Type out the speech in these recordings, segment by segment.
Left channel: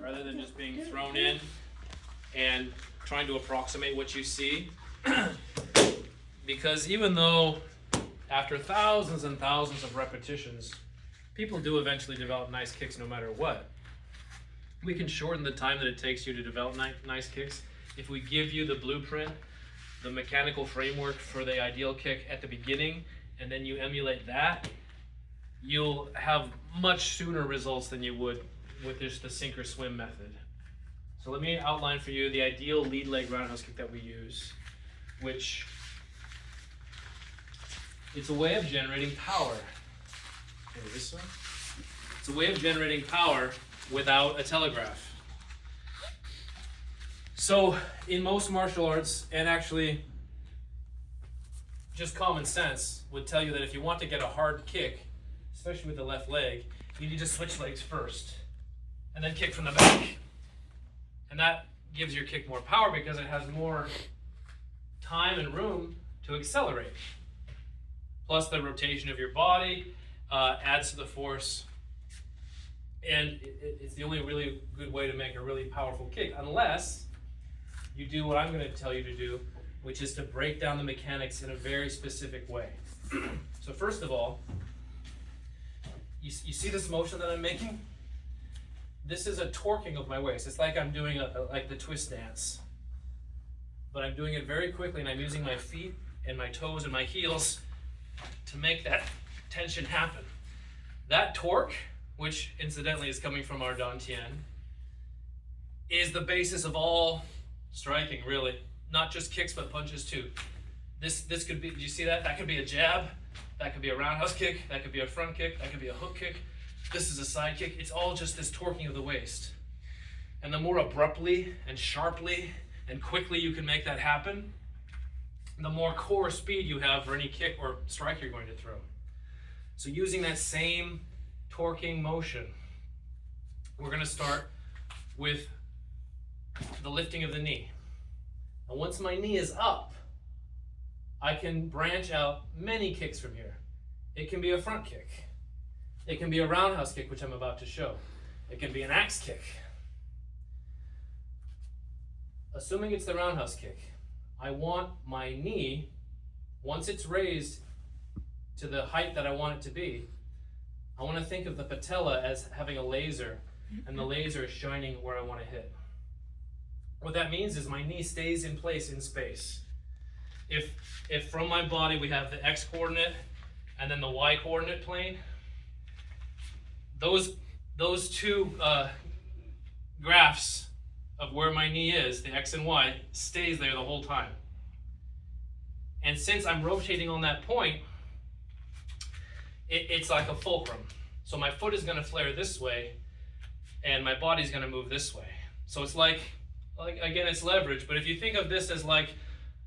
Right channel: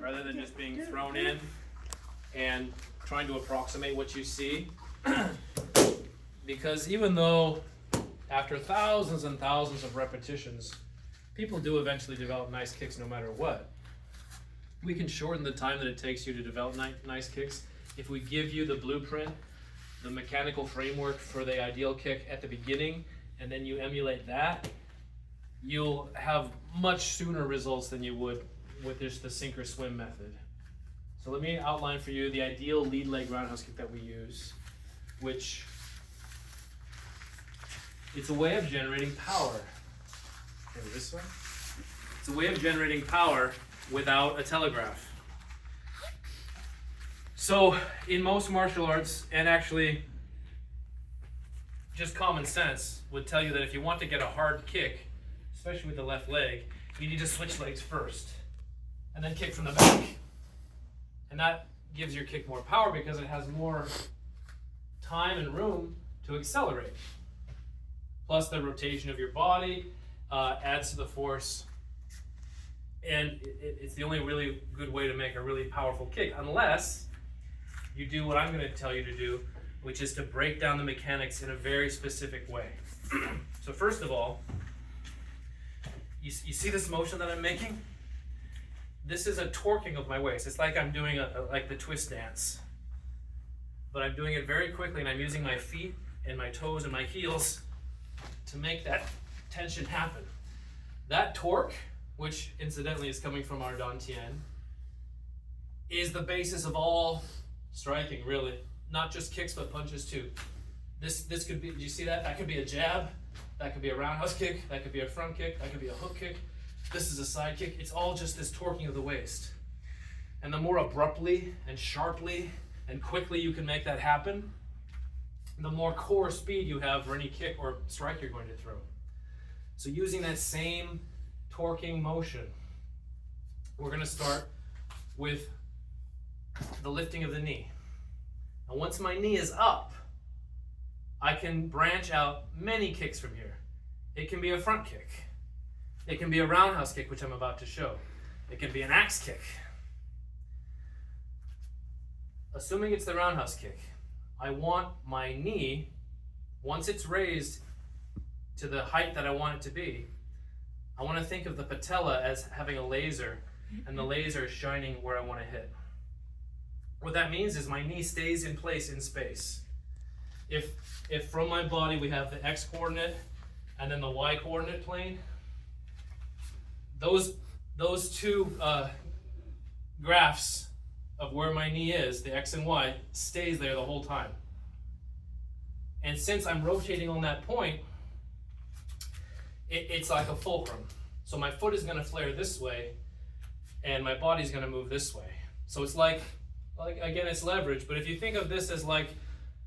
rather than just being thrown in and trying to approximate what you see. Because even though after thousands and thousands of repetitions, people do eventually develop nice kicks no matter what, we can shorten the time that it takes you to develop nice kicks if we give you the blueprint, the mechanical framework for the ideal kick at the beginning, and then you emulate that. You'll have much sooner results than you would with just the sink or swim method. So let me outline for you the ideal lead leg roundhouse kick that we use, which it's a way of generating power. Maybe this way. It's a way of generating power without a telegraph. So in most martial arts, and actually just common sense would tell you that if you want to get a hard kick, especially with the left leg, you need to switch legs first and then kick from the back. And that gives your kick more power because it has more time and room to accelerate. Plus the rotation of your body adds to the force. And it's the only really good way to make a really powerful kick, unless you do what I'm going to tell you to do, which is to break down the mechanics in a very specific way. So first of all, you see this motion that I'm making? This is a torquing of my waist. It's like I'm doing like the twist dance. But I'm doing it very quickly, and I'm using my feet and my toes and my heels to make that tension happen. That torque, which incidentally is coming from our Dantian, is the basis of all striking, really. Not just kicks, but punches too. This could be, do you see that? That could be a jab, that could be a roundhouse kick, that could be a front kick, that could be a hook kick. This is a side kick. It's all just this torquing of the waist. And the more abruptly and sharply and quickly you can make that happen, the more core speed you have for any kick or strike you're going to throw. So using that same torquing motion, we're going to start with the lifting of the knee. And once my knee is up, I can branch out many kicks from here. It can be a front kick. It can be a roundhouse kick, which I'm about to show. It can be an axe kick. Assuming it's the roundhouse kick, I want my knee, once it's raised to the height that I want it to be, I want to think of the patella as having a laser, and the laser is shining where I want to hit. What that means is my knee stays in place in space. If from my body we have the X coordinate and then the Y coordinate plane, those two graphs of where my knee is, the X and Y, stays there the whole time. And since I'm rotating on that point, it's like a fulcrum. So my foot is going to flare this way, and my body's going to move this way. So it's like again, it's leverage, but if you think of this as like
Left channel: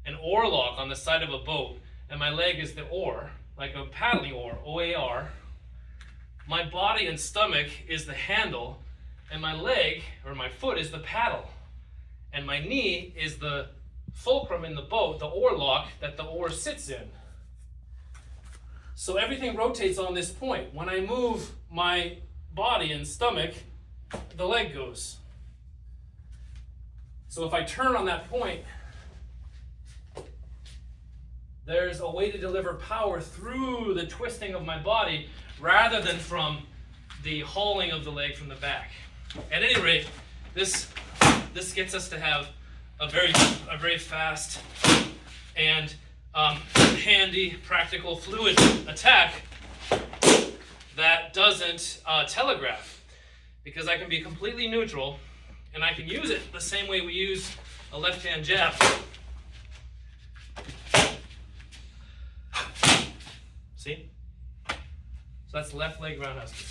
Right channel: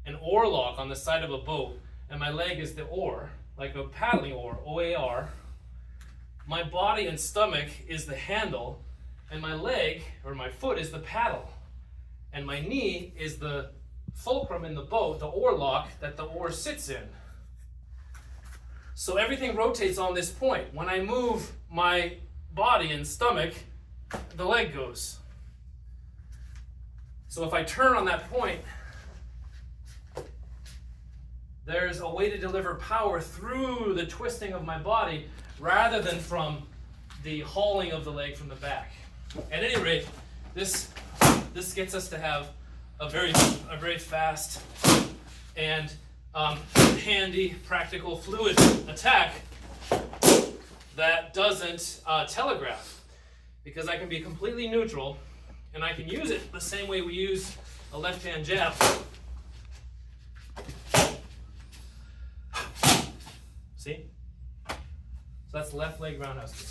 an oar lock on the side of a boat, and my leg is the oar, like a paddling oar, O-A-R, my body and stomach is the handle, and my leg, or my foot, is the paddle. And my knee is the fulcrum in the boat, the oar lock that the oar sits in. So everything rotates on this point. When I move my body and stomach, the leg goes. So if I turn on that point, there's a way to deliver power through the twisting of my body rather than from the hauling of the leg from the back. At any rate, this gets us to have a very fast and handy, practical, fluid attack that doesn't telegraph, because I can be completely neutral and I can use it the same way we use a left-hand jab. See? So that's left leg roundhouse kick.